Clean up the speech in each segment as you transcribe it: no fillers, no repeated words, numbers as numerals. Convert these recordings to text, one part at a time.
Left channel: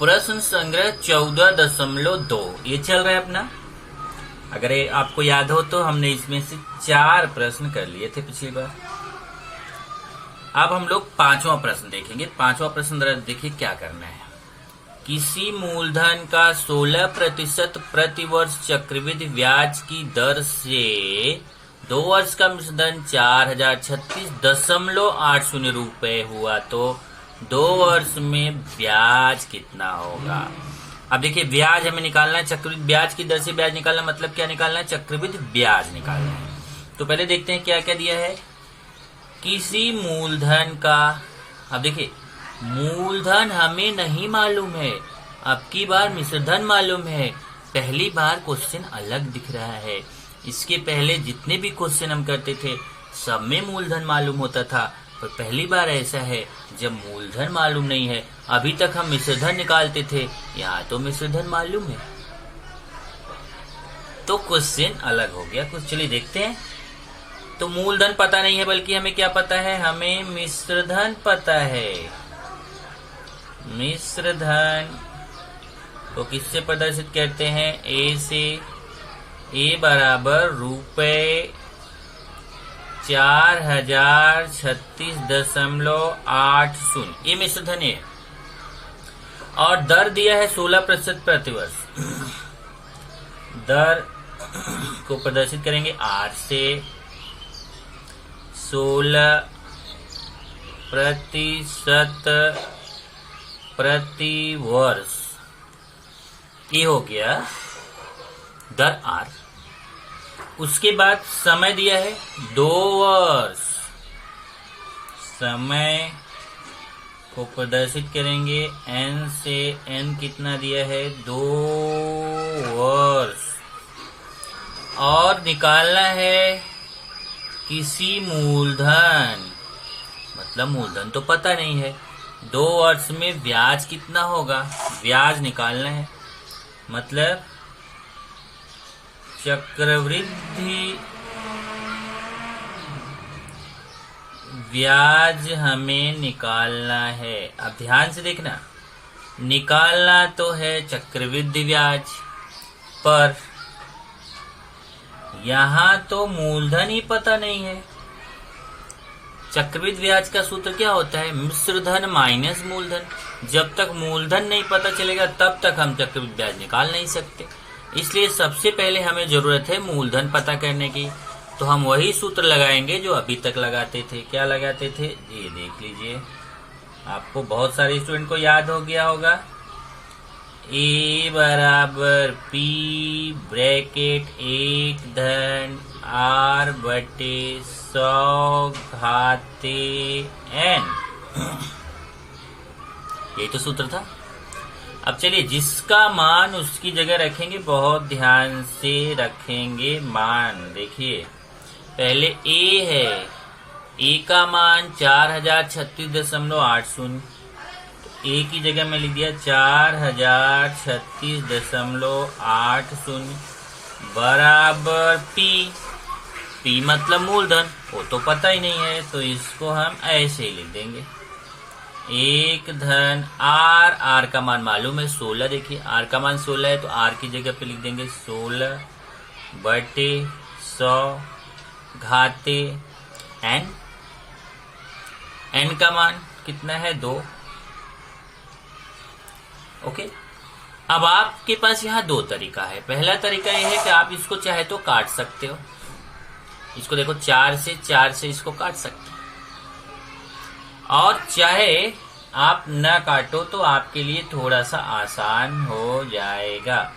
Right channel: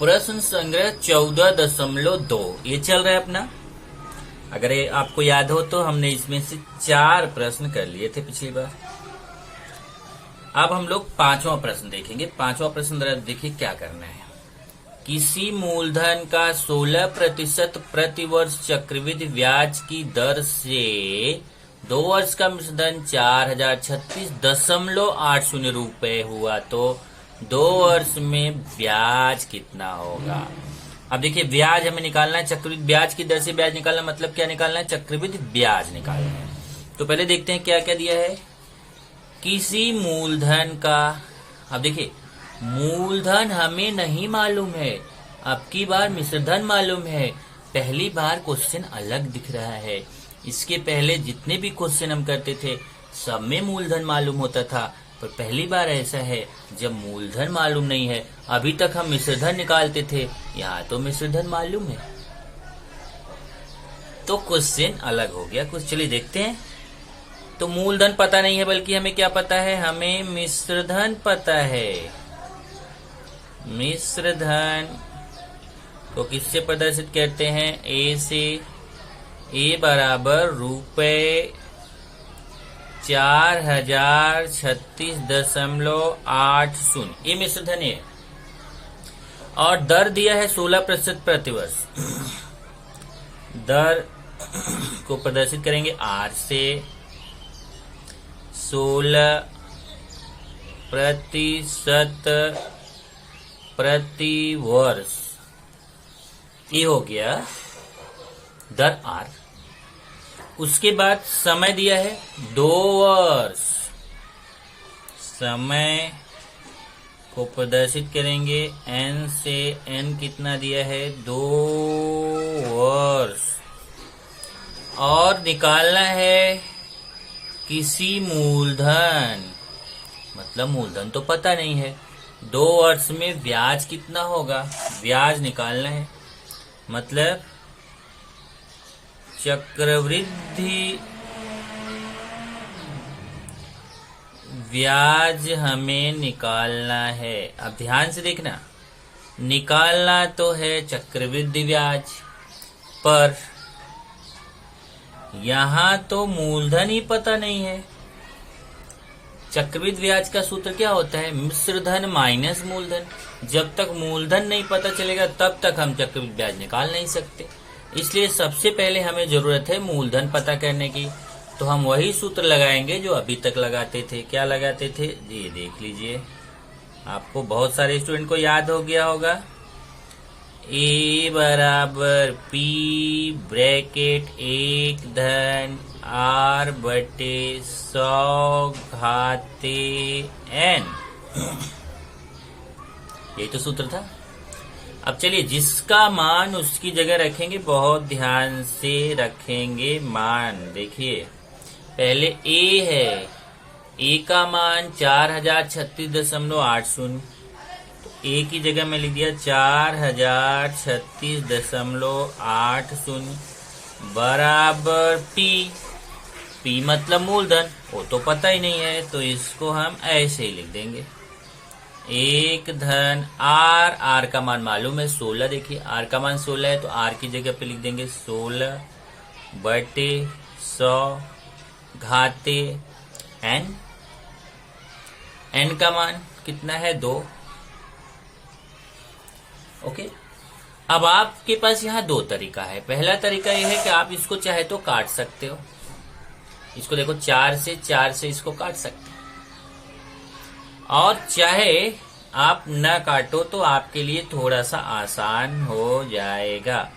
प्रश्न संग्रह 14.2 ये चल रहा है अपना। अगर ये आपको याद हो तो हमने इसमें से 4 प्रश्न कर लिए थे पिछली बार। अब हम लोग 5वां प्रश्न देखेंगे। 5वां प्रश्न देखिए क्या करना है। किसी मूलधन का 16% प्रतिवर्ष चक्रवृद्धि ब्याज की दर से 2 वर्ष का मिश्रधन 4036.80 रुपए हुआ तो 2 वर्ष में ब्याज कितना होगा। अब देखिए ब्याज हमें निकालना है, चक्रवृद्धि ब्याज की दर से ब्याज निकालना मतलब क्या निकालना है, चक्रवृद्धि ब्याज निकालना है। तो पहले देखते हैं क्या क्या दिया है। किसी मूलधन का, अब देखिए मूलधन हमें नहीं मालूम है, अब की बार मिश्रधन मालूम है। पहली बार क्वेश्चन अलग दिख रहा है। इसके पहले जितने भी क्वेश्चन हम करते थे सब में मूलधन मालूम होता था, पर पहली बार ऐसा है जब मूलधन मालूम नहीं है। अभी तक हम मिश्रधन निकालते थे, यहाँ तो मिश्रधन मालूम है, तो क्वेश्चन अलग हो गया कुछ। चलिए देखते हैं। तो मूलधन पता नहीं है, बल्कि हमें क्या पता है, हमें मिश्रधन पता है। मिश्रधन को किससे प्रदर्शित करते हैं, ए से। ए बराबर रुपए 4036.80 ये मिश्रधन है। और दर दिया है 16% प्रतिवर्ष। दर को प्रदर्शित करेंगे आर से। 16% प्रतिवर्ष ये हो गया दर आर। उसके बाद समय दिया है 2 वर्ष। समय को प्रदर्शित करेंगे एन से। एन कितना दिया है, 2 वर्ष। और निकालना है किसी मूलधन, मतलब मूलधन तो पता नहीं है। 2 वर्ष में ब्याज कितना होगा, ब्याज निकालना है। मतलब चक्रवृद्धि ब्याज हमें निकालना है। अब ध्यान से देखना, निकालना तो है चक्रवृद्धि ब्याज, पर यहां तो मूलधन ही पता नहीं है। चक्रवृद्धि ब्याज का सूत्र क्या होता है, मिश्रधन माइनस मूलधन। जब तक मूलधन नहीं पता चलेगा तब तक हम चक्रवृद्धि ब्याज निकाल नहीं सकते। इसलिए सबसे पहले हमें जरूरत है मूलधन पता करने की। तो हम वही सूत्र लगाएंगे जो अभी तक लगाते थे। क्या लगाते थे, ये देख लीजिए, आपको बहुत सारे स्टूडेंट को याद हो गया होगा। ए बराबर पी ब्रैकेट 1 धन आर बटे 100 घाते एन। यही तो सूत्र था। अब चलिए जिसका मान उसकी जगह रखेंगे, बहुत ध्यान से रखेंगे मान। देखिए पहले ए है, ए का मान 4036.80। तो ए की जगह में लिख दिया 4036.80 बराबर पी। पी मतलब मूलधन, वो तो पता ही नहीं है, तो इसको हम ऐसे ही लिख देंगे 1 धन आर। आर का मान मालूम है 16। देखिए आर का मान 16 है, तो आर की जगह पे लिख देंगे 16 बटे 100 घाते एन। एन का मान कितना है, 2। ओके। अब आपके पास यहाँ 2 तरीका है। पहला तरीका यह है कि आप इसको चाहे तो काट सकते हो। इसको देखो 4 से इसको काट सकते हो, और चाहे आप न काटो तो आपके लिए थोड़ा सा आसान हो जाएगा।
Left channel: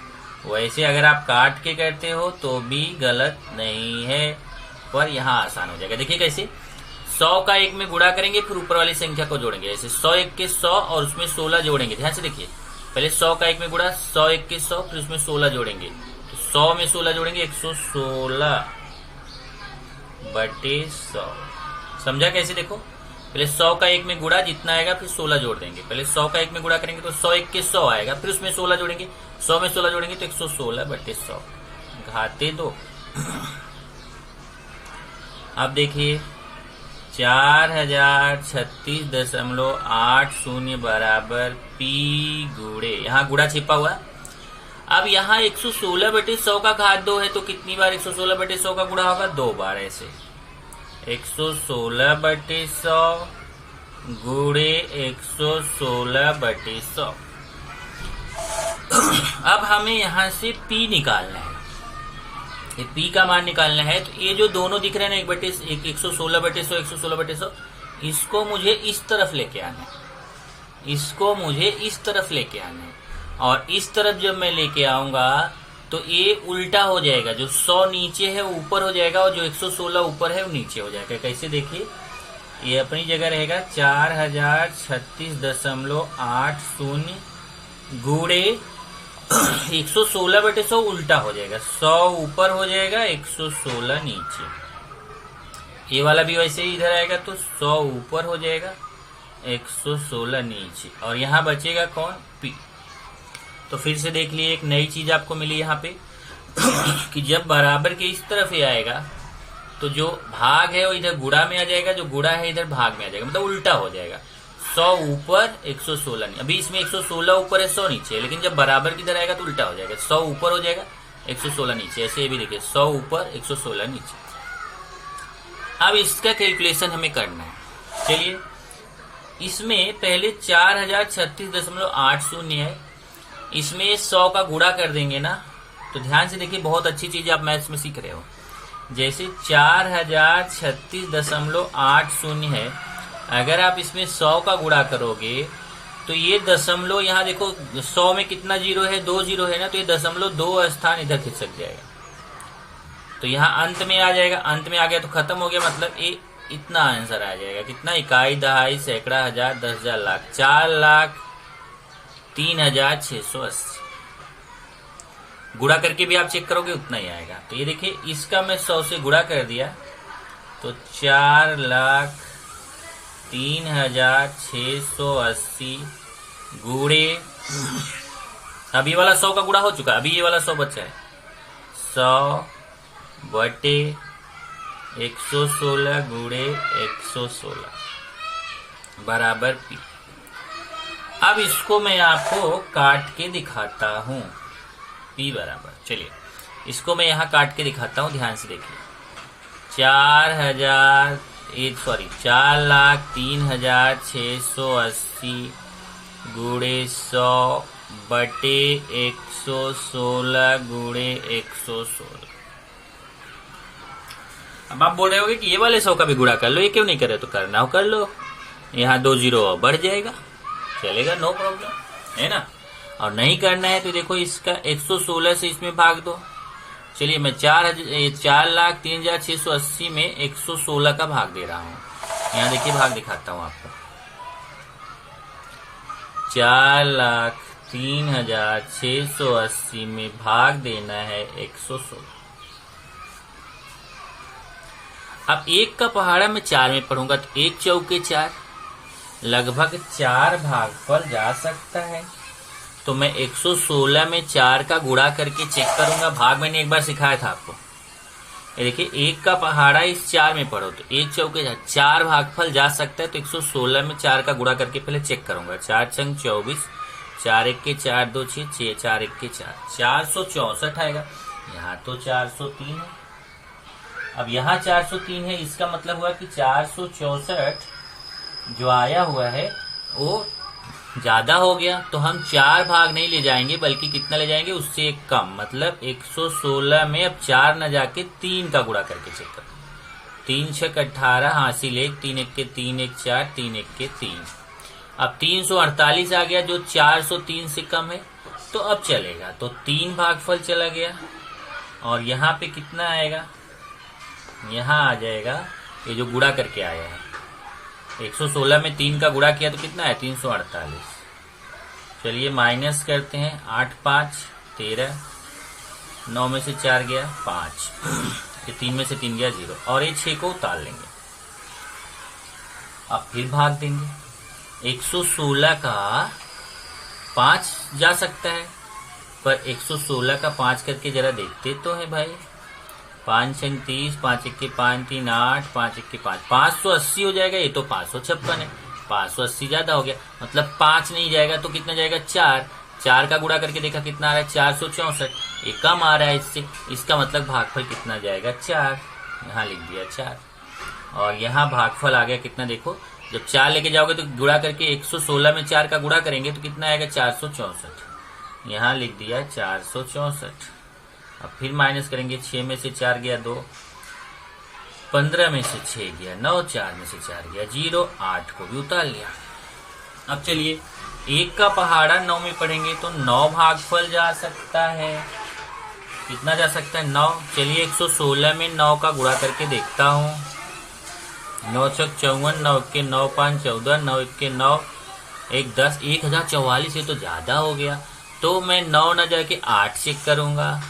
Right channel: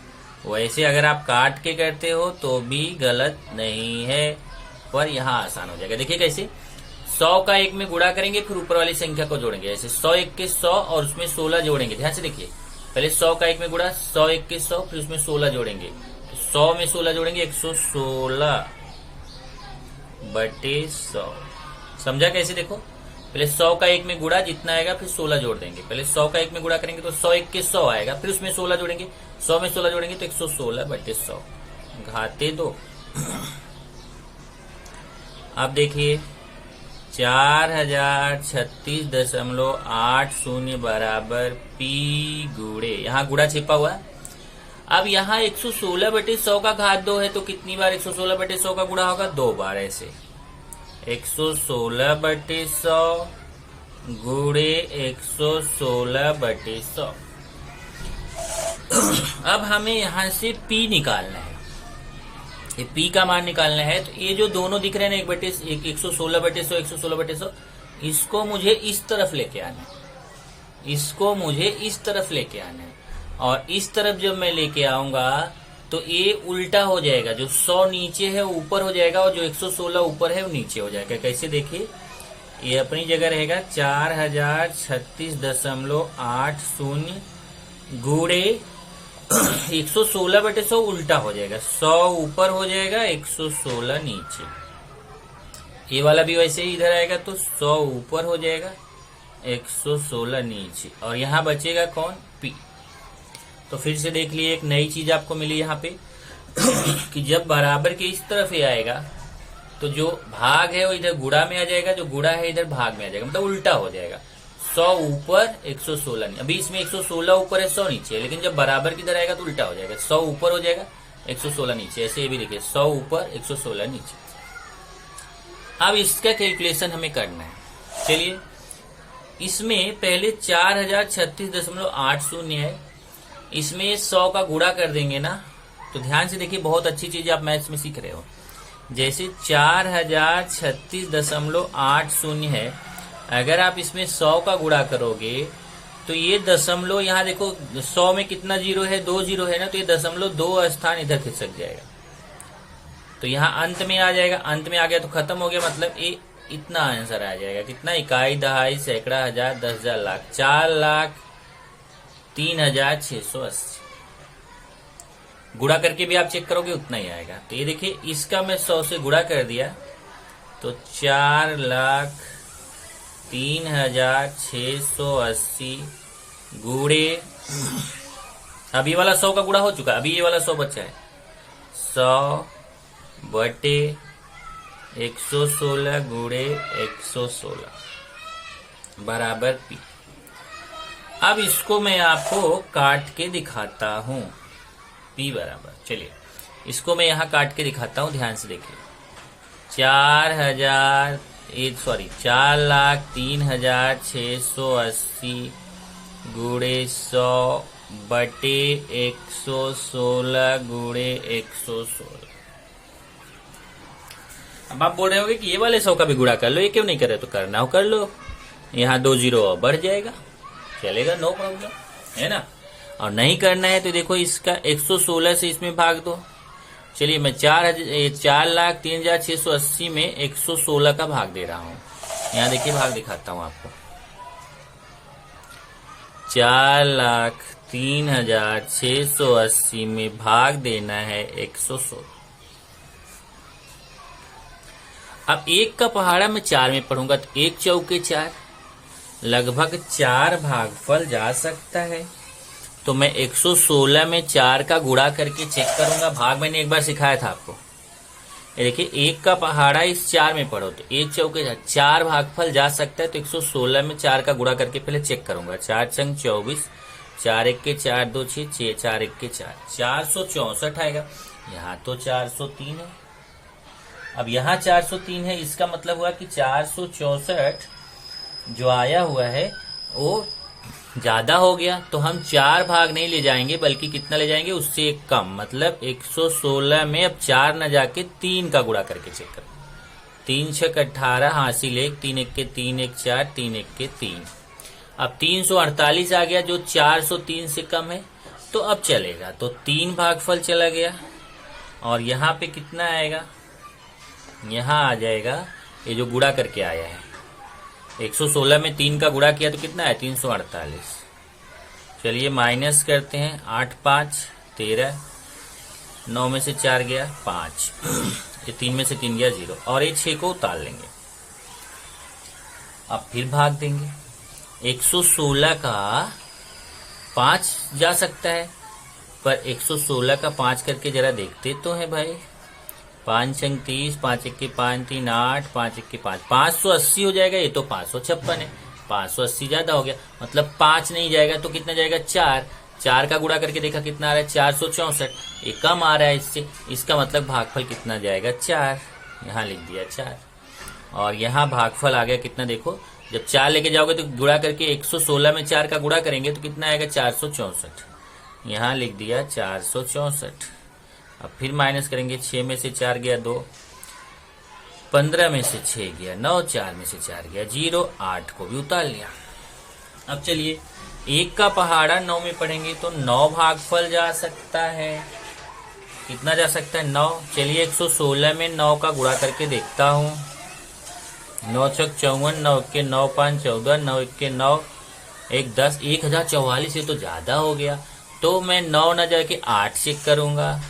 वैसे अगर आप काट के करते हो तो भी गलत नहीं है, पर यहाँ आसान हो जाएगा। देखिए कैसे, 100 का 1 में गुणा करेंगे, फिर ऊपर वाली संख्या को जोड़ेंगे। ऐसे 100 1 के 100 और उसमें 16 जोड़ेंगे। ध्यान से देखिए, पहले 100 का 1 में गुणा, 100 1 के 100, फिर उसमें 16 जोड़ेंगे। 100 में 16 जोड़ेंगे, 116 बटे 100। समझा कैसे, देखो पहले 100 का 1 में गुणा जितना आएगा, फिर 16 जोड़ देंगे। पहले 100 का 1 में गुणा करेंगे तो 100 1 के 100 आएगा, फिर उसमें 16 जोड़ेंगे। 100 में 16 जोड़ेंगे तो 116 बटे 100 घाते 2। अब देखिए 4036.80 बराबर P गुणे, यहाँ गुणा छिपा हुआ है। अब यहाँ 116/100 का घात 2 है, तो कितनी बार 116/100 का गुणा होगा? 2 बार। ऐसे 116/100 गुणे 116/100। अब हमें यहां से P निकालना है, ये P का मान निकालना है। तो ये जो दोनों दिख रहे हैं ना, 116/100 116/100, इसको मुझे इस तरफ लेके आना है, इसको मुझे इस तरफ लेके आना है। और इस तरफ जब मैं लेके आऊंगा तो ये उल्टा हो जाएगा, जो 100 नीचे है वो ऊपर हो जाएगा और जो 116 ऊपर है वो नीचे हो जाएगा। कैसे? देखिए, ये अपनी जगह रहेगा 4036.80 गुणे 116/100 उल्टा हो जाएगा, 100 ऊपर हो जाएगा, 116 नीचे। ये वाला भी वैसे ही इधर आएगा, तो 100 ऊपर हो जाएगा, 116 नीचे। और यहाँ बचेगा कौन? P। तो फिर से देख लिए, एक नई चीज आपको मिली यहाँ पे कि जब बराबर के इस तरफ ही आएगा तो जो भाग है वो इधर गुणा में आ जाएगा, जो गुणा है इधर भाग में आ जाएगा, मतलब उल्टा हो जाएगा। 100 ऊपर 116 नीचे। अभी इसमें 116 ऊपर है, 100 नीचे है, लेकिन जब बराबर की तरह आएगा तो उल्टा हो जाएगा, 100 ऊपर हो जाएगा, 116 नीचे। ऐसे ये भी देखिए, 100 ऊपर 116 नीचे। अब इसका कैलकुलेशन हमें करना है। चलिए, इसमें पहले 4036.80 है, इसमें 100 का गुणा कर देंगे ना, तो ध्यान से देखिए, बहुत अच्छी चीज आप मैथ्स में सीख रहे हो। जैसे 4036.80 है, अगर आप इसमें 100 का गुणा करोगे तो ये दशमलव, यहाँ देखो 100 में कितना जीरो है? 2 जीरो है ना, तो ये दशमलव 2 स्थान इधर खिसक जाएगा, तो यहाँ अंत में आ जाएगा। अंत में आ गया तो खत्म हो गया, मतलब ये इतना आंसर आ जाएगा। कितना? इकाई, दहाई, सैकड़ा, हजार, 10,000, लाख। 4,03,680। गुणा करके भी आप चेक करोगे उतना ही आएगा। तो ये देखिए, इसका मैं 100 से गुणा कर दिया तो 4,03,680 गुणे, अब ये वाला 100 का गुणा हो चुका, अभी ये वाला 100 बचा है, 100/116 गुणे 116 बराबर P। अब इसको मैं आपको काट के दिखाता हूं, P बराबर, चलिए इसको मैं यहाँ काट के दिखाता हूँ, ध्यान से देखिए। 4,03,680 गुणे 100/116 गुणे 116। अब आप बोल रहे होगे कि ये वाले 100 का भी गुणा कर लो, ये क्यों नहीं करे? तो करना हो कर लो, यहाँ 2 जीरो और बढ़ जाएगा, चलेगा, नो प्रॉब्लम, है ना। और नहीं करना है तो देखो, इसका 116 से इसमें भाग दो। चलिए, मैं 4,03,680 में 116 का भाग दे रहा हूँ। यहाँ देखिए, भाग दिखाता हूँ आपको। 4,03,680 में भाग देना है 116। अब 1 का पहाड़ा मैं 4 में पढ़ूंगा, तो 1 चौके 4, लगभग 4 भागफल जा सकता है। तो मैं 116 में 4 का गुणा करके चेक करूंगा। भाग मैंने एक बार सिखाया था आपको, ये देखिए, 1 का पहाड़ा इस 4 में पढ़ो, तो 1 चौके 4 भागफल जा सकता है। तो 116 में 4 का गुणा करके पहले चेक करूंगा। 4 छंग 24, 4 1 के 4 2 6 6, 4 1 के 4, 464 आएगा। यहाँ तो 403 है, अब यहाँ 403 है, इसका मतलब हुआ कि 464 जो आया हुआ है वो ज्यादा हो गया। तो हम 4 भाग नहीं ले जाएंगे, बल्कि कितना ले जाएंगे? उससे एक कम, मतलब 116 में अब 4 न जाके 3 का गुणा करके चेक करो। 3 6 18 हासिल 1, 3 1 के 3 1 4, 3 1 के 3। अब 348 आ गया, जो 403 से कम है, तो अब चलेगा। तो 3 भागफल चला गया, और यहाँ पे कितना आएगा? यहाँ आ जाएगा, ये जो गुणा करके आया है, 116 में 3 का गुणा किया तो कितना है? 348। चलिए माइनस करते हैं, 8 5 13, 9 में से 4 गया 5, ये 3 में से 3 गया 0, और ये 6 को उतार लेंगे। अब फिर भाग देंगे। 116 का 5 जा सकता है, पर 116 का 5 करके जरा देखते तो है भाई। 5 छंग 30, 5 1 5 3 8, 5 1 5 580 हो जाएगा। ये तो 556 है, 580 ज्यादा हो गया, मतलब 5 नहीं जाएगा तो कितना जाएगा 4। 4 का गुणा करके देखा कितना आ रहा है 464। ये कम आ रहा है इससे, इसका मतलब भागफल कितना जाएगा 4। यहाँ लिख दिया 4। और यहाँ भागफल आ गया कितना, देखो जब 4 लेके जाओगे तो गुणा करके 116 में 4 का गुणा करेंगे तो कितना आएगा 464। यहाँ लिख दिया 464। अब फिर माइनस करेंगे, 6 में से 4 गया 2, 15 में से 6 गया 9, 4 में से 4 गया 0, 8 को भी उतार लिया। अब चलिए 1 का पहाड़ा 9 में पढ़ेंगे तो 9 भागफल जा सकता है। कितना जा सकता है 9। चलिए 116 में 9 का गुणा करके देखता हूँ। 9 छक 54, 9 के 9 5 14, 9 1 के 9 1 10, 1044 से तो ज्यादा हो गया, तो मैं 9 न जाके 8 चेक करूंगा।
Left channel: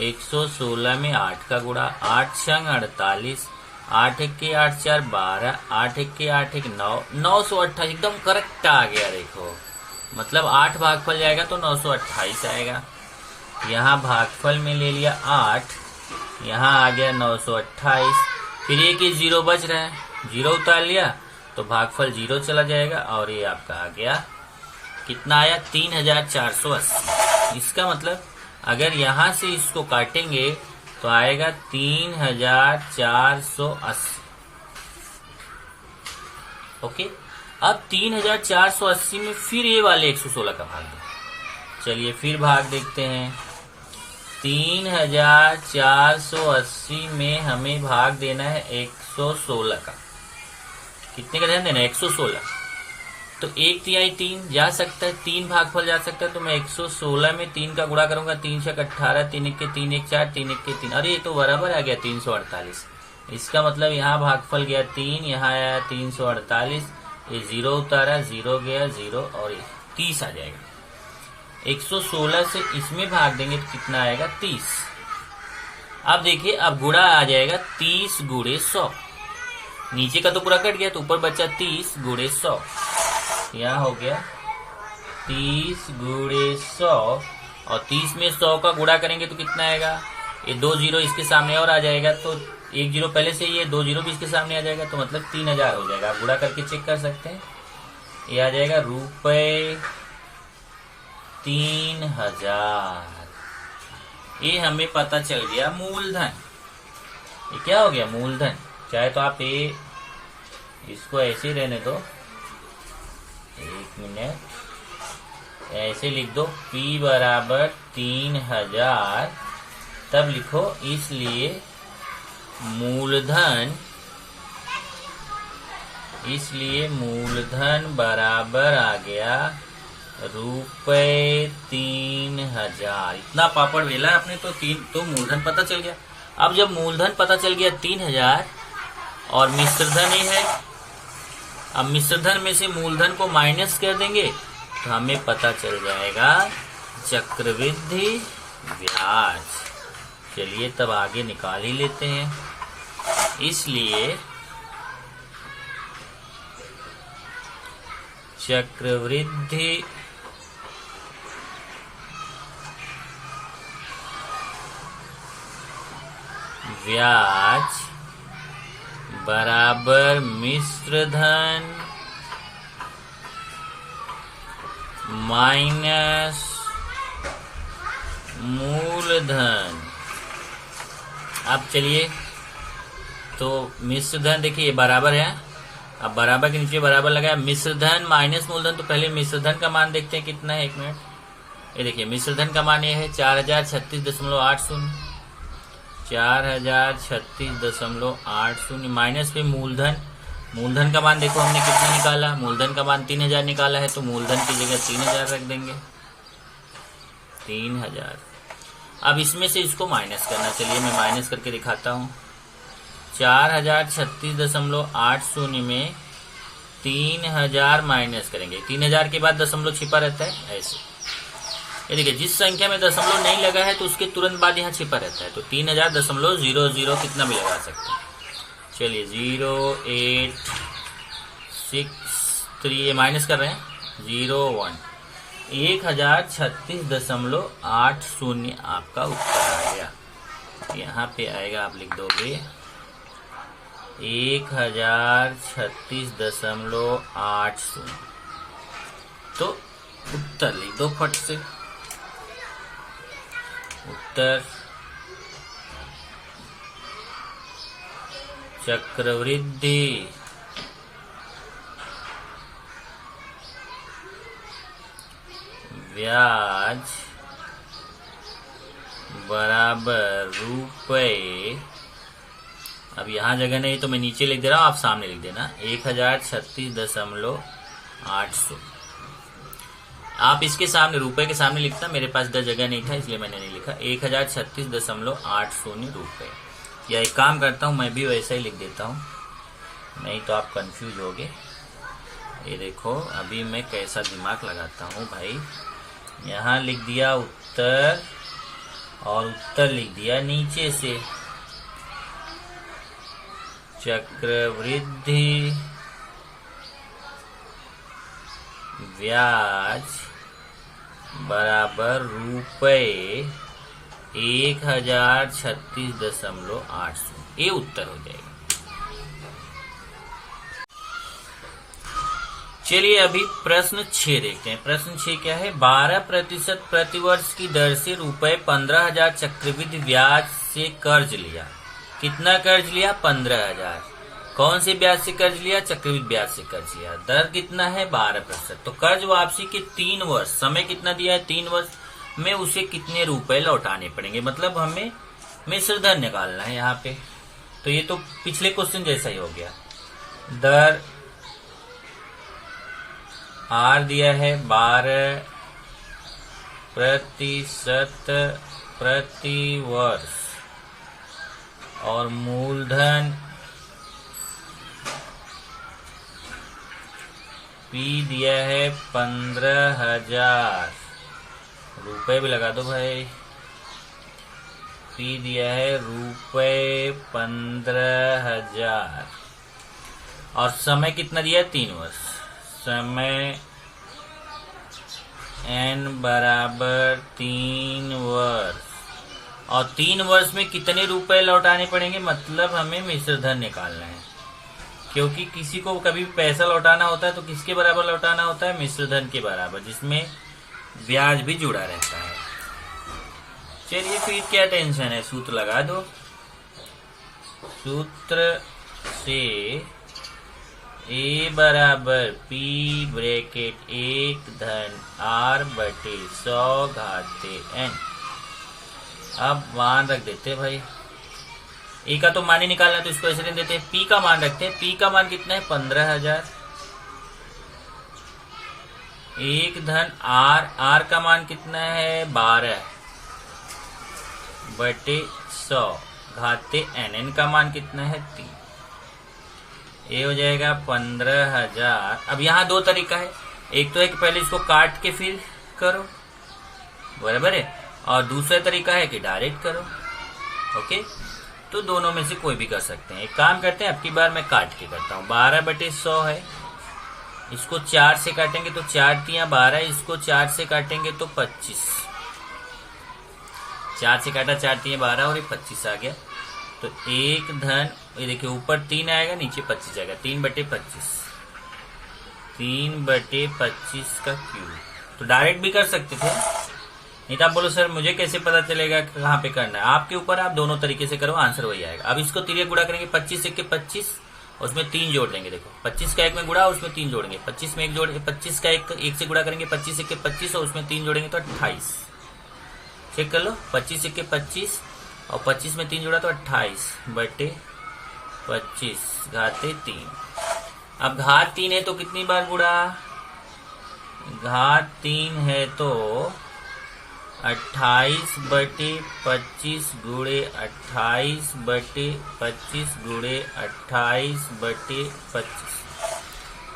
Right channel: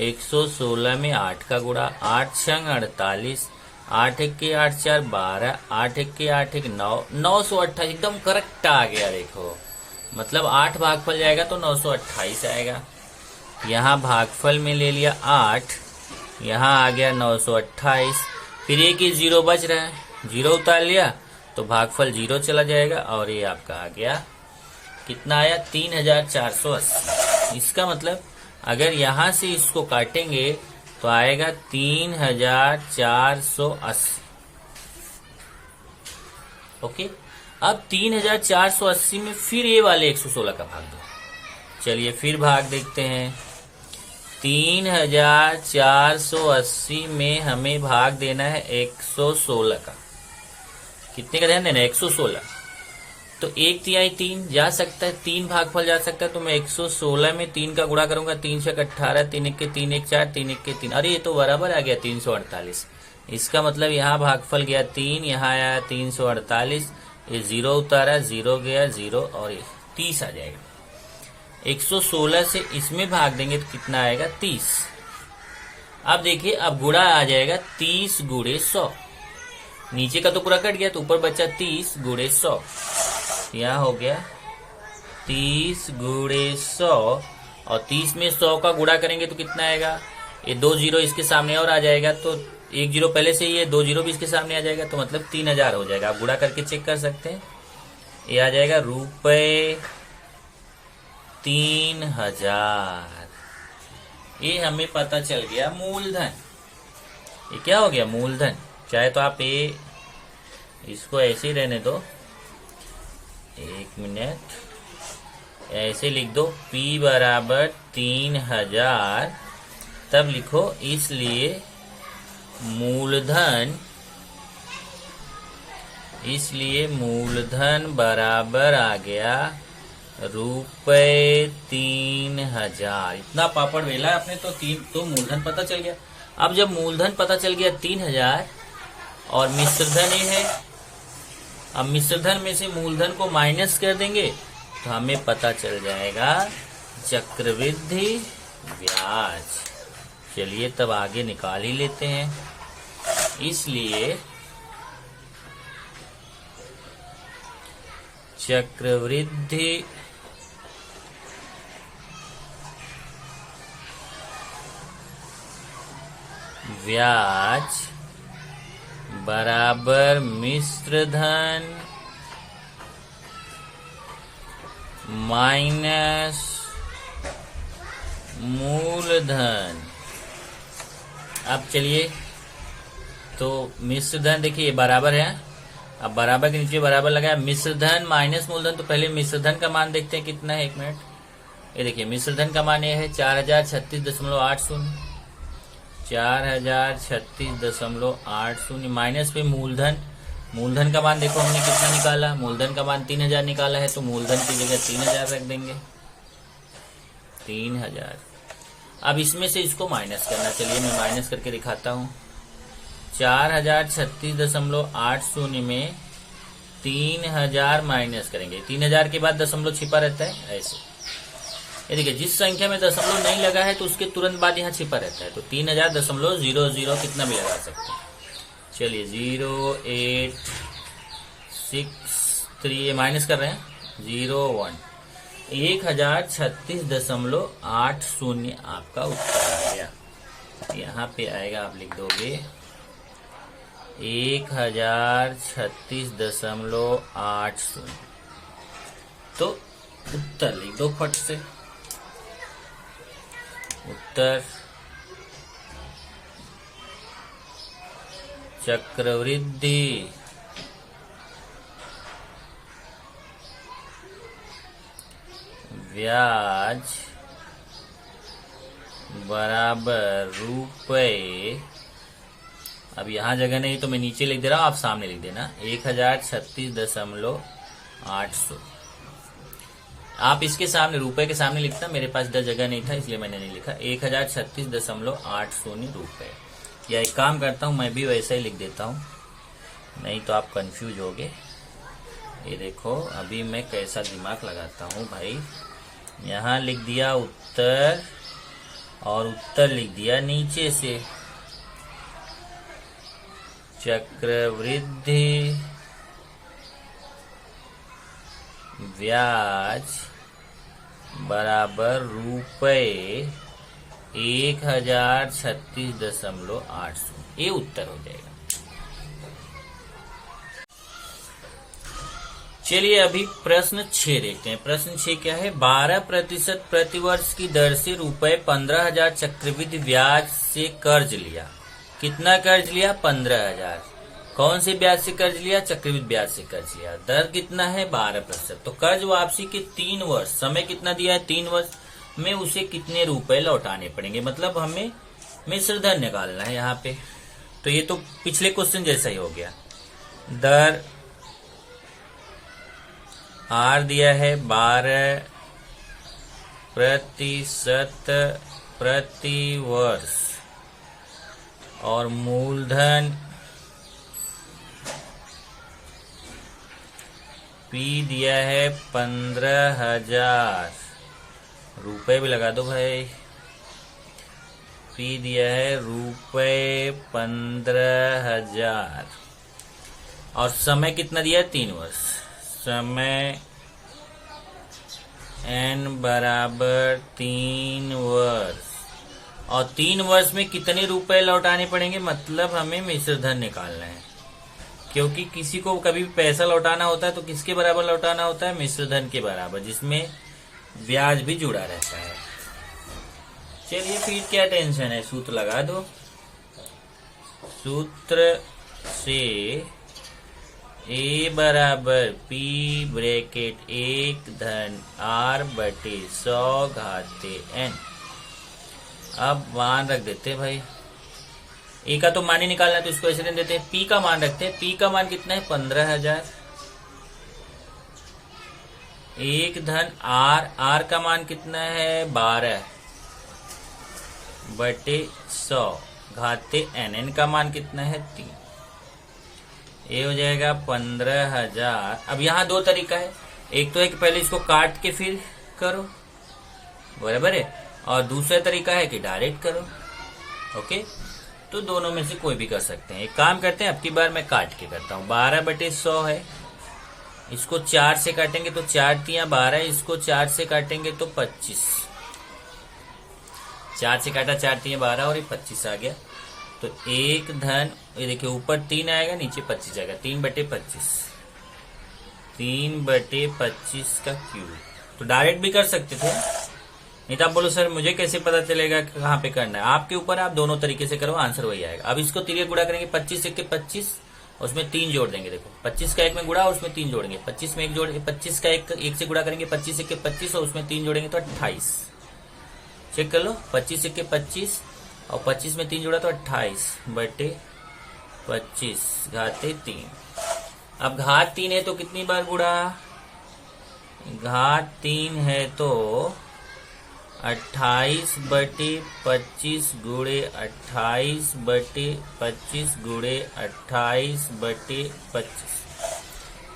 116 में 8 का गुणा, 8 छंग 48, 8 1 के 8 4 12, 8 1 के 8 1 9, 928 एकदम करेक्ट आ गया। देखो मतलब 8 भागफल जाएगा तो 928 आएगा। यहाँ भागफल में ले लिया 8, यहाँ आ गया 928। फिर एक ही 0 बच रहा है, 0 उतार लिया तो भागफल 0 चला जाएगा और ये आपका आ गया कितना आया 3480। इसका मतलब अगर यहाँ से इसको काटेंगे तो आएगा 3480। ओके, अब 3480 में फिर ये वाले 116 का भाग दो। चलिए फिर भाग देखते हैं। 3480 में हमें भाग देना है 116 का। कितने का ध्यान देना है 116। तो 1/3 3 जा सकता है, 3 भागफल जा सकता है, तो मैं 116 में 3 का गुणा करूंगा। 3 छक 18, 3 1 के 3 1 4, 3 1 के 3, अरे ये तो बराबर आ गया 348। इसका मतलब यहाँ भागफल गया 3, यहाँ आया 348, ये 0 उतारा 0 गया 0 और ये 30 आ जाएगा। 116 से इसमें भाग देंगे तो कितना आएगा 30। अब देखिए अब गुणा आ जाएगा 30 गुणे 100। नीचे का तो पूरा कट गया तो ऊपर बचा 30 गुणे 100। यहाँ हो गया 30 गुणे 100 और 30 में 100 का गुणा करेंगे तो कितना आएगा, ये 2 0 इसके सामने और आ जाएगा तो 1 0 पहले से ही है, 2 0 भी इसके सामने आ जाएगा तो मतलब 3000 हो जाएगा। आप गुणा करके चेक कर सकते हैं। ये आ जाएगा रुपए 3000। ये हमें पता चल गया मूलधन। ये क्या हो गया मूलधन। चाहे तो आप ये इसको ऐसे ही रहने दो, 1 मिनट ऐसे लिख दो, P बराबर 3000, तब लिखो इसलिए मूलधन बराबर आ गया रुपए 3000। इतना पापड़ वेला आपने तो मूलधन पता चल गया। अब जब मूलधन पता चल गया 3000 और मिश्रधन ही है, अब मिश्रधन में से मूलधन को माइनस कर देंगे तो हमें पता चल जाएगा चक्रवृद्धि ब्याज। चलिए तब आगे निकाल ही लेते हैं। इसलिए चक्रवृद्धि ब्याज बराबर मिश्रधन माइनस मूलधन। अब चलिए तो मिश्रधन देखिए बराबर है, अब बराबर के नीचे बराबर लगाया, मिश्रधन माइनस मूलधन। तो पहले मिश्रधन का मान देखते हैं कितना है, 1 मिनट। ये देखिए मिश्रधन का मान ये है 4036.80, 4036.80 माइनस पे मूलधन। मूलधन का मान देखो हमने कितना निकाला, मूलधन का मान 3000 निकाला है, तो मूलधन की जगह 3000 रख देंगे, 3000। अब इसमें से इसको माइनस करना, चलिए मैं माइनस करके दिखाता हूँ। 4036.80 में 3000 माइनस करेंगे, 3000 के बाद दशमलव छिपा रहता है ऐसे। ये देखिए जिस संख्या में दशमलव नहीं लगा है तो उसके तुरंत बाद यहाँ छिपा रहता है, तो 3000.00 कितना भी लगा सकते हैं। चलिए 0863 माइनस कर रहे हैं 01, 1036.80 आपका उत्तर आ गया। यहाँ पे आएगा, आप लिख दोगे 1036.80। तो उत्तर लिख दो फट से। उत्तर चक्रवृद्धि ब्याज बराबर रुपए, अब यहां जगह नहीं तो मैं नीचे लिख दे रहा हूं, आप सामने लिख देना 1036.800। आप इसके सामने रुपए के सामने लिखता, मेरे पास इधर जगह नहीं था इसलिए मैंने नहीं लिखा। 1036.800 रुपए। या एक काम करता हूं, मैं भी वैसा ही लिख देता हूं, नहीं तो आप कंफ्यूज होगे। ये देखो अभी मैं कैसा दिमाग लगाता हूं भाई। यहां लिख दिया उत्तर और उत्तर लिख दिया नीचे से। चक्रवृद्धि ब्याज बराबर रुपए 1036.800, ये उत्तर हो जाएगा। चलिए अभी प्रश्न 6 देखते हैं। प्रश्न 6 क्या है? 12% प्रतिवर्ष की दर से रुपए 15,000 चक्रवृद्धि ब्याज से कर्ज लिया। कितना कर्ज लिया? 15,000। कौन से ब्याज से कर्ज लिया? चक्रवृद्धि ब्याज से कर्ज लिया। दर कितना है? 12%। तो कर्ज वापसी के 3 वर्ष, समय कितना दिया है? 3 वर्ष में उसे कितने रुपए लौटाने पड़ेंगे, मतलब हमें मिश्र धन निकालना है यहाँ पे। तो ये तो पिछले क्वेश्चन जैसा ही हो गया। दर आर दिया है 12% प्रति वर्ष और मूलधन पी दिया है 15,000 रुपए, भी लगा दो भाई। पी दिया है रुपए 15,000 और समय कितना दिया है? 3 वर्ष। समय n बराबर 3 वर्ष और 3 वर्ष में कितने रुपए लौटाने पड़ेंगे, मतलब हमें मिश्र धन निकालना है। क्योंकि किसी को कभी पैसा लौटाना होता है तो किसके बराबर लौटाना होता है? मिश्र धन के बराबर, जिसमें ब्याज भी जुड़ा रहता है। चलिए फिर क्या टेंशन है, सूत्र लगा दो। सूत्र से A बराबर P ब्रैकेट 1 धन R बटे 100 घाते N। अब मान रख देते भाई, ए का तो मान ही निकालना है तो इसको ऐसे देते हैं। P का मान रखते हैं। P का मान कितना है? 15,000। 1 धन R का मान कितना है? 12 बटे 100 घाते N का मान कितना है? 3। ये हो जाएगा 15,000। अब यहाँ 2 तरीका है, एक तो है कि पहले इसको काट के फिर करो, बराबर है, और दूसरा तरीका है कि डायरेक्ट करो। ओके, तो दोनों में से कोई भी कर सकते हैं। एक काम करते हैं, अब की बार मैं काट के करता हूँ। 12 बटे 100 है, इसको 4 से काटेंगे तो 4 तियां 12, इसको 4 से काटेंगे तो 25। 4 से काटा 4 तियां 12 और ये 25 आ गया। तो 1 धन, ये देखिए ऊपर 3 आएगा, नीचे 25 आएगा। 3 बटे 25, 3 बटे 25 का क्यूब। तो डायरेक्ट भी कर सकते थे, नहीं तो आप बोलो सर मुझे कैसे पता चलेगा कहाँ पे करना है। आपके ऊपर, आप दोनों तरीके से करो, आंसर वही आएगा। अब इसको तिरिया गुणा करेंगे, 25 1 के 25, उसमें 3 जोड़ देंगे। देखो 25 का 1 में गुणा, उसमें 3 जोड़ेंगे। 25 में 1 जोड़, 25 का 1 से गुणा करेंगे, 25 1 के 25 और उसमें 3 जोड़ेंगे तो 28। चेक कर लो, 25 1 के 25 और 25 में 3 जोड़ा तो 28 बटे 25 घाते 3। अब घात 3 है तो कितनी बार गुणा? घात 3 है तो 28 बटे 25 गुणे 28 बटे 25 गुणे 28 बटे 25,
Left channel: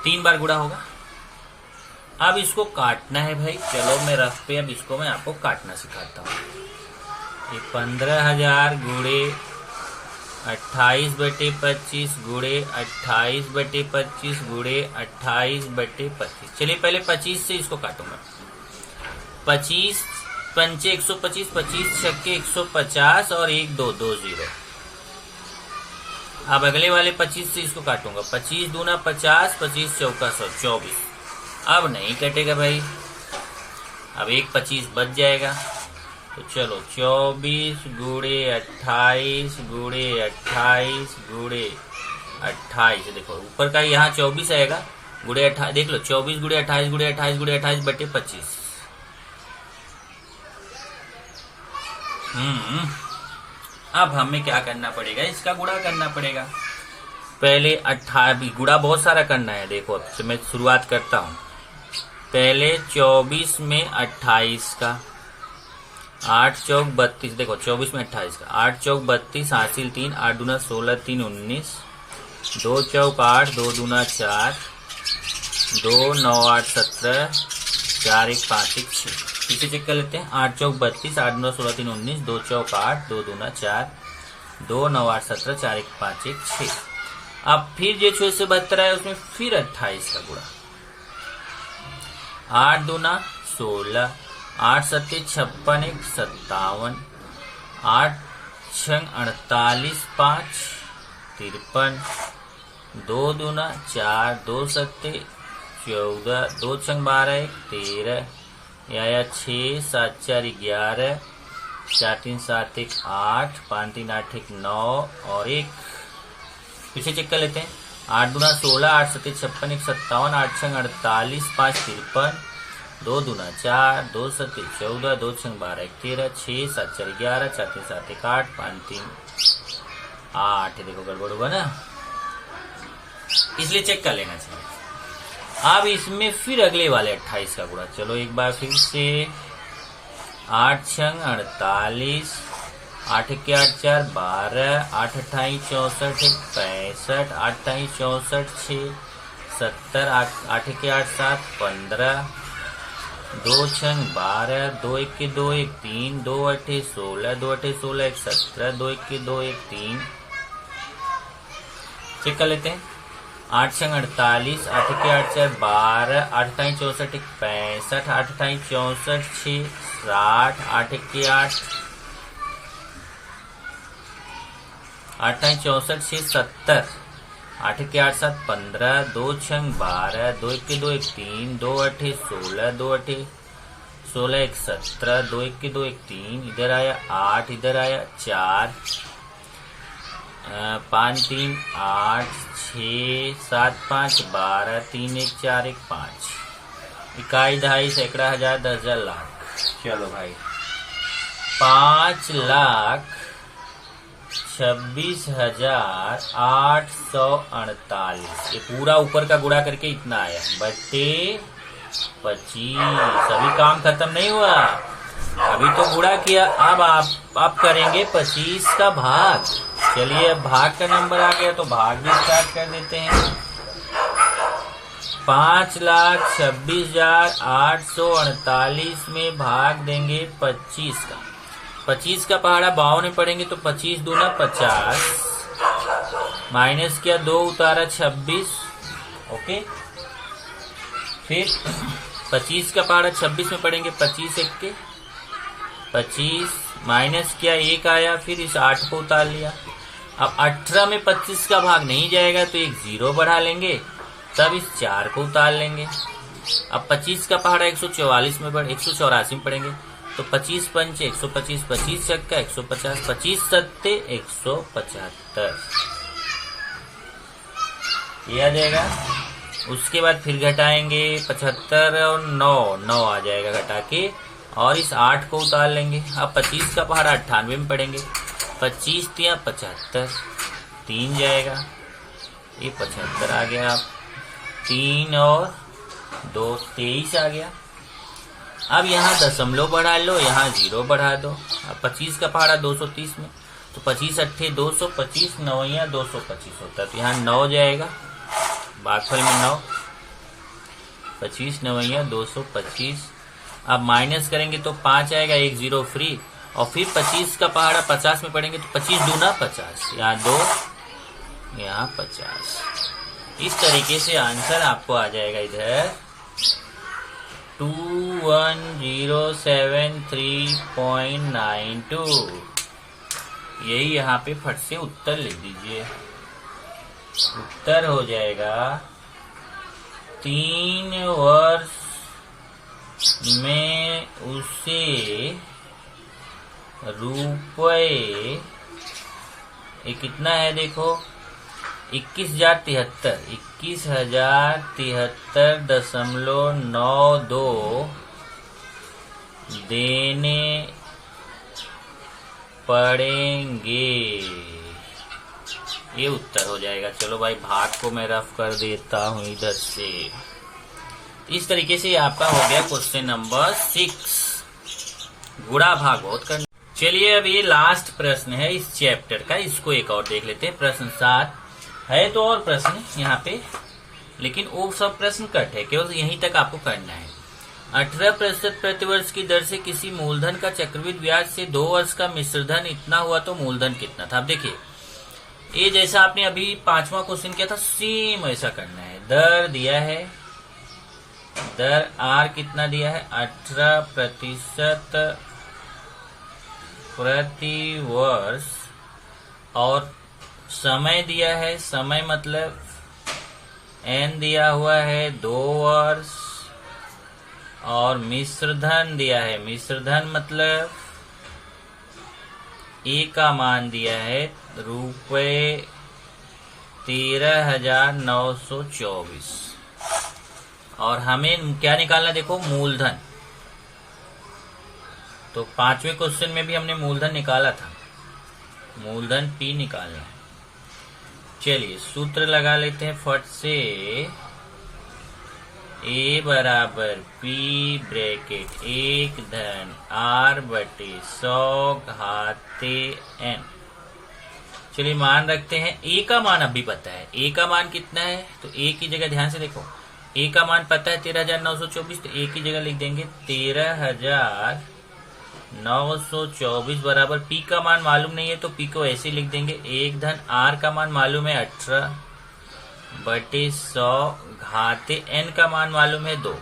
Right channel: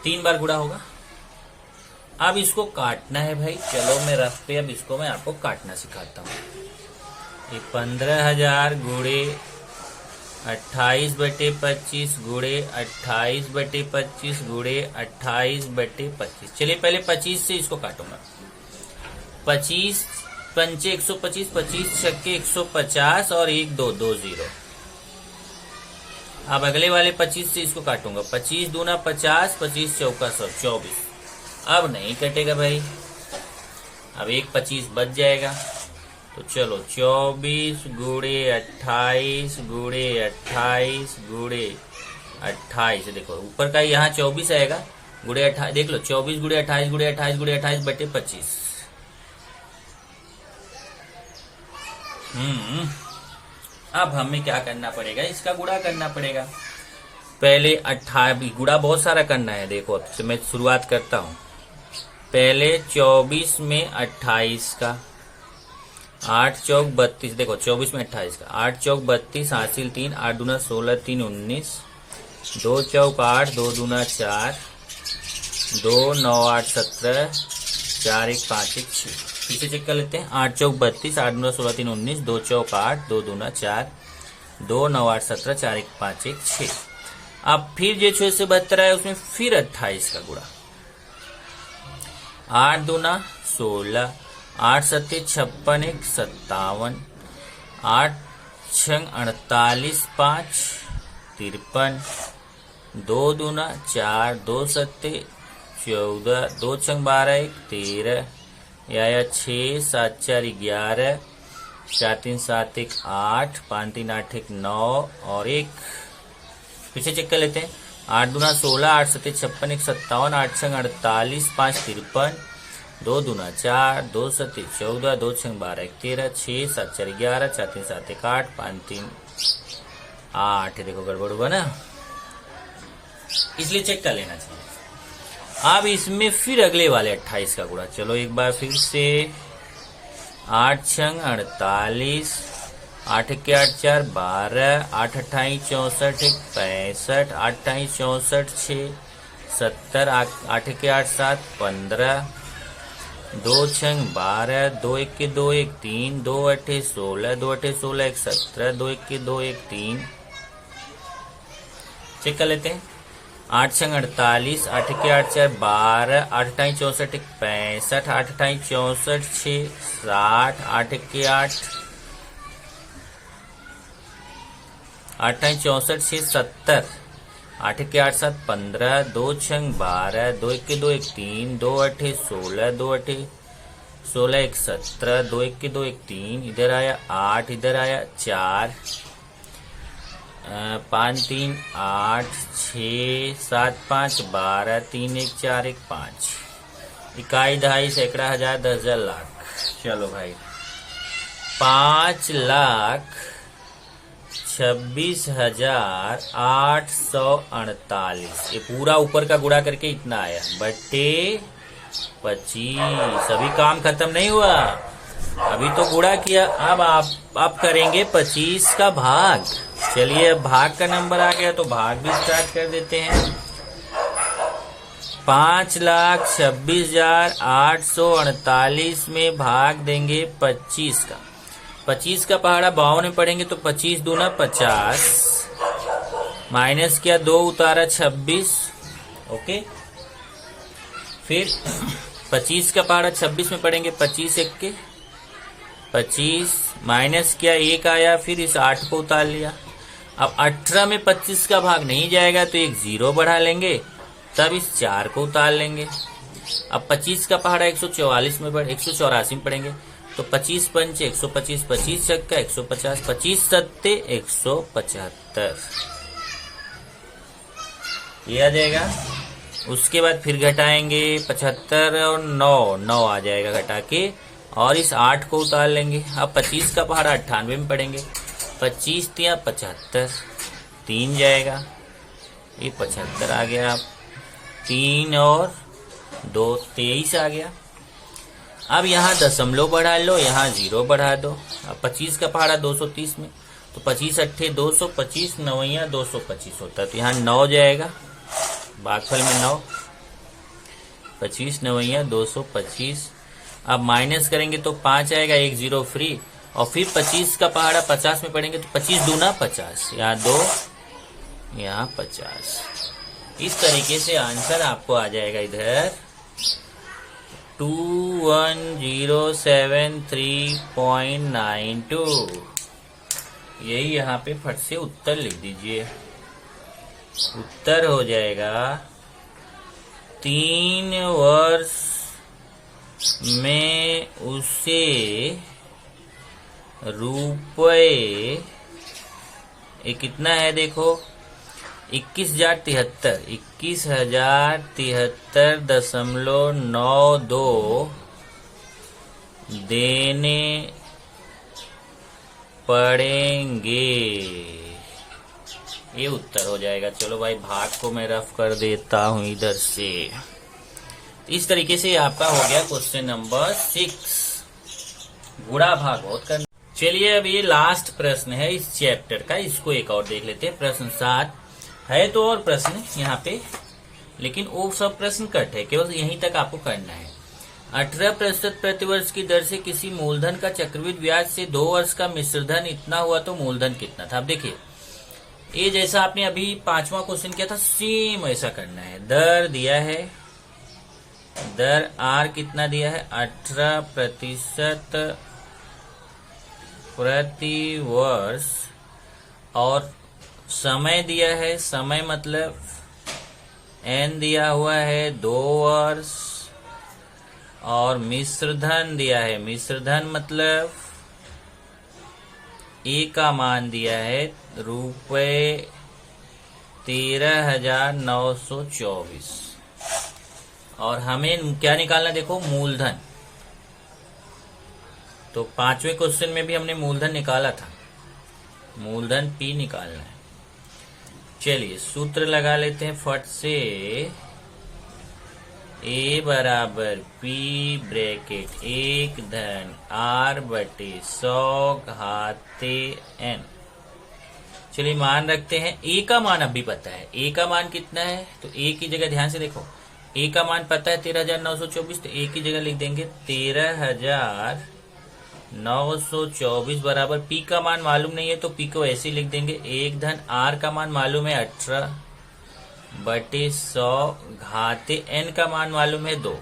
3 बार गुणा होगा। अब इसको काटना है भाई। चलो मैं रफ पे अब इसको मैं आपको काटना सिखाता हूँ। 15,000 गुणे 28 बटे 25 गुणे 28 बटे 25 गुणे 28 बटे 25। चलिए पहले 25 से इसको काटूंगा। 25 पंचे 125, 25 छक्के 150 और 1 2 2 0। अब अगले वाले 25 से इसको काटूंगा। 25 दूना 50, 25 चौका 100, 24। अब नहीं कटेगा भाई, अब एक 25 बच जाएगा। तो चलो 24 गुणे 28 गुणे 28 गुणे 28, देखो ऊपर का यहाँ 24 आएगा, गुणे 28 देख लो, 24 गुणे 28 गुणे 28 गुणे 28 बटे 25। अब हमें क्या करना पड़ेगा, इसका गुणा करना पड़ेगा। पहले 28 गुणा बहुत सारा करना है। देखो तो मैं शुरुआत करता हूं। पहले 24 में 28 का, 8 चौक 32, देखो 24 में 28 का, 8 चौक 32, हासिल 3, 8 दूना 16, 3 19, 2 चौक 8, 2 दूना 4, 2 9 8 17, 4 1 5 1 6। इसे चेक कर लेते हैं। 8 चौक 32, 8 दूना 16, 3 19, 2 चौक 8, 2 दूना 4, 2 9 8 17, 4 1 5 1 6। अब फिर जो 6 से 72 है उसमें फिर 28 का गुणा। 8 दूना 16, 8 सत्ते 56 1 57, 8 छंग 48 5 53, 2 दूना 4, 2 सत्ते 14, 2 छंग 12 1 13, या 6 7 4 11, 4 3 7 1 8, 5 3 8 1 9 और 1। पीछे चेक कर लेते हैं। 8 दूना 16, 8 सत्ते 56 1 57, 8 छंग 48 5 53, 2 दूना 4, 2 सत्ते 14, 2 छंग 12 1 13, 6 7 4 11, 4 3 7 1 8, 5 3 8। देखो गड़बड़ होगा ना, इसलिए चेक कर लेना चाहिए। अब इसमें फिर अगले वाले 28 का गुणा। चलो एक बार फिर से। 8 छंग 48, 8 के 8 4 12, 8 28 64 65, 8 28 64 6 70, 8 के 8 7 15, 2 छंग 12, 2 1 के 2 1 3, 2 8 16, 2 8 16 1 17, 2 1 के 2 1 3। चेक कर लेते हैं। 8 छंग 48, 8 के 8 4 12, 8 28 64 65, 8 28 64 6 60, 8 के 8 64 6 70, 8 के 8 7 15, 2 छंग 12, 2 1 के 2 1 3, 2 8 16, 2 8 16 1 17, 2 1 के 2 1 3, इधर आया 8, इधर आया 4, 5 3 8 6 7 5 12, 3 1 4 1 5। इकाई दहाई सैकड़ा हजार 10 हजार लाख। चलो भाई 5,26,848। ये पूरा ऊपर का गुणा करके इतना आया बट्टे 25। अभी काम खत्म नहीं हुआ, अभी तो गुणा किया। अब आप करेंगे 25 का भाग। चलिए अब भाग का नंबर आ गया तो भाग भी स्टार्ट कर देते हैं। 5,26,848 में भाग देंगे 25 का। 25 का पहाड़ा 52 में पड़ेंगे तो 25 दूना 50, माइनस किया 2 उतारा 26। ओके, फिर 25 का पहाड़ा 26 में पड़ेंगे, 25 1 के 25, माइनस किया 1 आया, फिर इस 8 को उतार लिया। अब 18 में 25 का भाग नहीं जाएगा तो एक 0 बढ़ा लेंगे, तब इस 4 को उतार लेंगे। अब 25 का पहाड़ा 184 में 184 में पड़ेंगे तो 25 पंचे 125, 25 छक्का 150, 25 सत्ते 175, ये आ जाएगा। उसके बाद फिर घटाएंगे 75 और 9 आ जाएगा घटा के, और इस 8 को उतार लेंगे। अब 25 का पहाड़ा 98 में पड़ेंगे, 25 तिया 75, 3 जाएगा, ये 75 आ गया। आप 3 और 2 23 आ गया। अब यहाँ दशमलव बढ़ा लो, यहाँ 0 बढ़ा दो। अब 25 का पहाड़ा 230 में तो 25 अट्ठे 200, 25 9 225 होता है तो यहाँ 9 जाएगा, भागफल में 9, 25 9 225। अब माइनस करेंगे तो 5 आएगा, 1 0 फ्री। और फिर 25 का पहाड़ा 50 में पड़ेंगे तो 25 दूना 50, यहाँ 2 यहाँ 50। इस तरीके से आंसर आपको आ जाएगा इधर 21,073.92। यही यहाँ पे फट से उत्तर लिख दीजिए। उत्तर हो जाएगा 3 वर्ष में उसे रुपए, ये कितना है देखो, 21,073.92 देने पड़ेंगे। ये उत्तर हो जाएगा। चलो भाई, भाग को मैं रफ कर देता हूं इधर से। इस तरीके से आपका हो गया क्वेश्चन नंबर 6। गुणा भाग बहुत करना। चलिए, अब ये लास्ट प्रश्न है इस चैप्टर का, इसको एक और देख लेते हैं। प्रश्न 7 है तो और प्रश्न यहाँ पे, लेकिन वो सब प्रश्न कट है, केवल यहीं तक आपको करना है। 18% प्रतिवर्ष की दर से किसी मूलधन का चक्रवृद्धि ब्याज से 2 वर्ष का मिश्रधन इतना हुआ तो मूलधन कितना था। अब देखिए, ये जैसा आपने अभी 5वां क्वेश्चन किया था, सेम ऐसा करना है। दर दिया है, दर आर कितना दिया है, 18% प्रति वर्ष, और समय दिया है, समय मतलब एन दिया हुआ है 2 वर्ष, और मिश्रधन दिया है, मिश्रधन मतलब ए का मान दिया है रुपए 13,924, और हमें क्या निकालना देखो, मूलधन। तो 5वें क्वेश्चन में भी हमने मूलधन निकाला था, मूलधन पी निकालना है। चलिए सूत्र लगा लेते हैं फट से। ए बराबर पी ब्रैकेट 1 धन आर बटे 100 घाते एन। चलिए मान रखते हैं। ए का मान अभी पता है, ए का मान कितना है, तो ए की जगह ध्यान से देखो, ए का मान पता है 13,924, तो ए की जगह लिख देंगे 13,924 बराबर पी का मान मालूम नहीं है तो पी को ऐसे लिख देंगे 1 धन आर का मान मालूम है 18 बटे 100 घाते एन का मान मालूम है 2।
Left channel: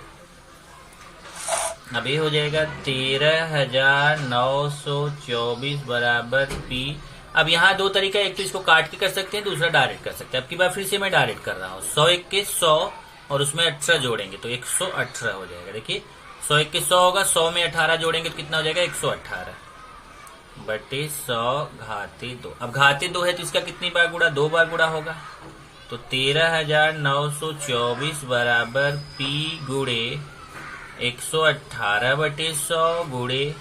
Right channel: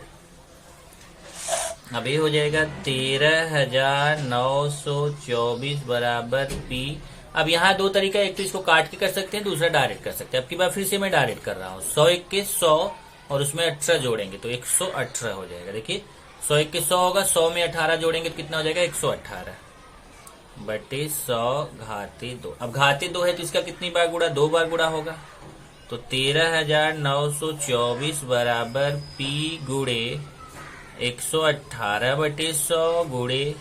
अब ये हो जाएगा 13,924 बराबर पी। अब यहाँ 2 तरीका, एक तो इसको काट के कर सकते हैं, दूसरा डायरेक्ट कर सकते हैं। अब की बार फिर से मैं डायरेक्ट कर रहा हूँ। 100 एक के 100 और उसमें 18 जोड़ेंगे तो 118 हो जाएगा। देखिए 100 एक के 100 होगा, 100 में 18 जोड़ेंगे तो कितना हो जाएगा, 118 बटे 100 घाते 2। अब घाते 2 है तो इसका कितनी बार गुणा, 2 बार गुणा होगा। तो 13,924 बराबर पी गुणे 118 बटे 100 गुणे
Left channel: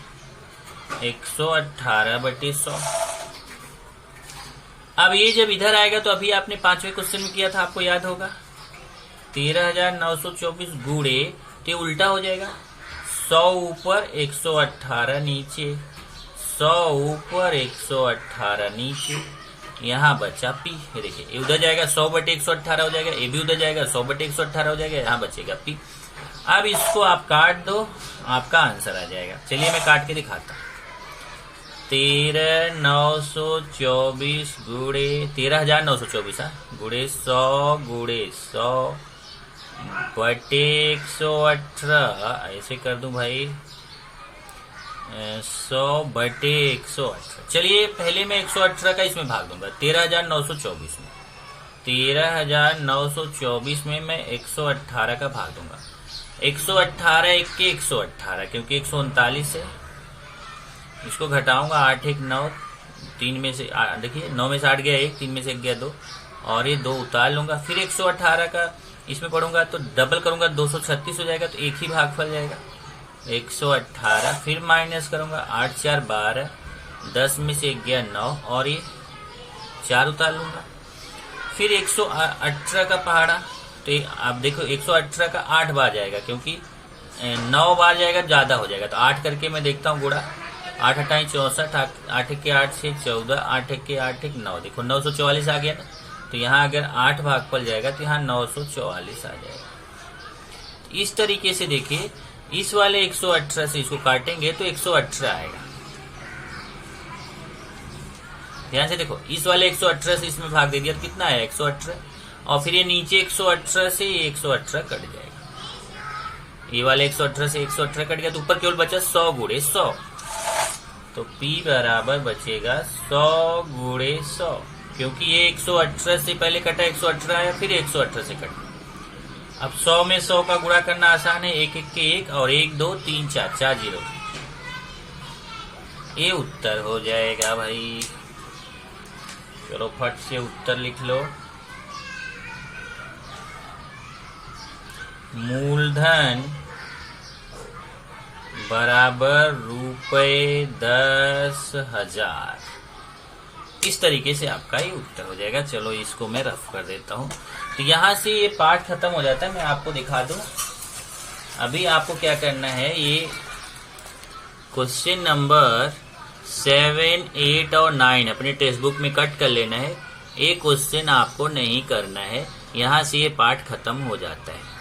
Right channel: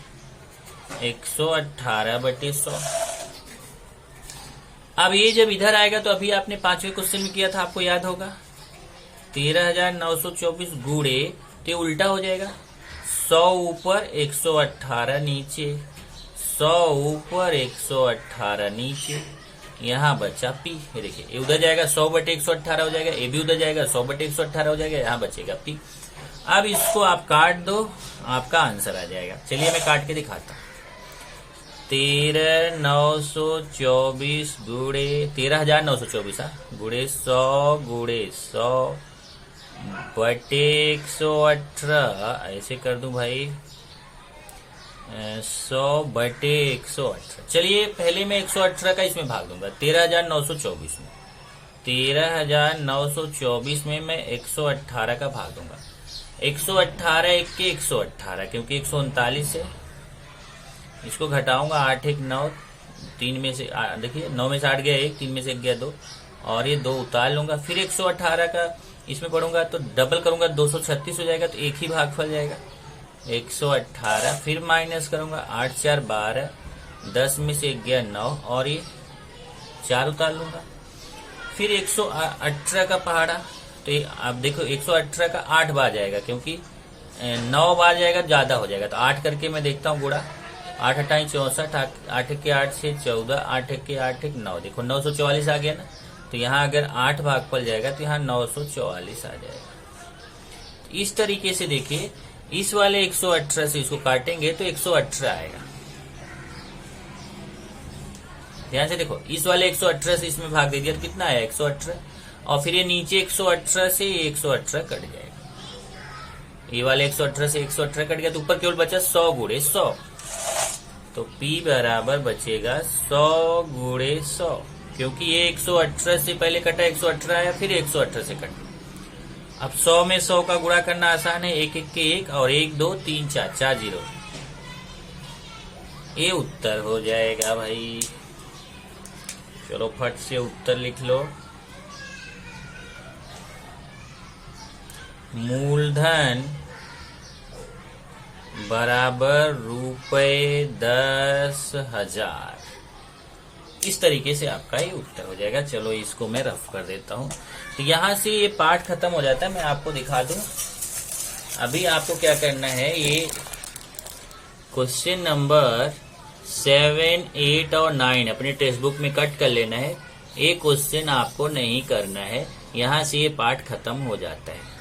118 बटे 100। अब ये जब इधर आएगा तो अभी आपने 5वें क्वेश्चन में किया था, आपको याद होगा, 13,924 गुणे, तो उल्टा हो जाएगा, 100 ऊपर 118 नीचे, 100 ऊपर 118 नीचे, यहाँ बचा पी। देखिए ये उधर जाएगा 100 बटे 118 हो जाएगा, ये भी उधर जाएगा 100 बटे 118 हो जाएगा, यहाँ बचेगा पी। अब इसको आप काट दो, आपका आंसर आ जाएगा। चलिए मैं काट के दिखाता हूँ। 13,924 गुणे 13,924 गुणे 100 गुणे 100 बटे 118, ऐसे कर दूं भाई, 100 बटे 118। चलिए पहले मैं 118 का इसमें भाग दूंगा 13,924 में, 13,924 में मैं 118 का भाग दूंगा। 118 एक के 118, क्योंकि 139 है, इसको घटाऊंगा 8 एक 9, 3 में से देखिए 9 में से 8 गया 1, 3 में से 1 गया 2, और ये 2 उतार लूंगा। फिर 118 का इसमें पढ़ूंगा तो डबल करूंगा 236 हो जाएगा, तो एक ही भागफल जाएगा 118। फिर माइनस करूंगा 8 4 12, 10 में से 1 गया 9, और ये 4 उतार लूंगा। फिर 118 का पहाड़ा, तो आप देखो 118 का 8 बार जाएगा, क्योंकि 9 बार जाएगा ज्यादा हो जाएगा, तो 8 करके मैं देखता हूँ गुणा, 8 8 64, 8 के 8 से 14, 8 के 8 एक 9, देखो 944 आ गया ना। तो यहाँ अगर 8 भागफल जाएगा तो यहाँ 944 आ जाएगा। इस तरीके से देखिए, इस वाले 118 से इसको काटेंगे तो 118 आएगा। ध्यान से देखो, इस वाले 118 से इसमें भाग दे दिया तो कितना आया 118, और फिर ये नीचे 118 से 118 कट जाएगा। ये वाले 118 से 118 कट गया तो ऊपर केवल बचा 100 गुणे 100। तो P बराबर बचेगा 100 गुणे 100, क्योंकि ये 118 से पहले कटा, 118 आया, फिर 118 से कटा। अब 100 में 100 का गुणा करना आसान है, 1 1 के 1 और 1 2 3 4 4 जीरो। ये उत्तर हो जाएगा भाई। चलो फट से उत्तर लिख लो। मूलधन बराबर ₹10,000। इस तरीके से आपका ये उत्तर हो जाएगा। चलो इसको मैं रफ कर देता हूं। तो यहां से ये पार्ट खत्म हो जाता है। मैं आपको दिखा दूं। अभी आपको क्या करना है, ये क्वेश्चन नंबर 7, 8 और 9 अपने टेक्स्ट बुक में कट कर लेना है। ये क्वेश्चन आपको नहीं करना है। यहां से ये पार्ट खत्म हो जाता है।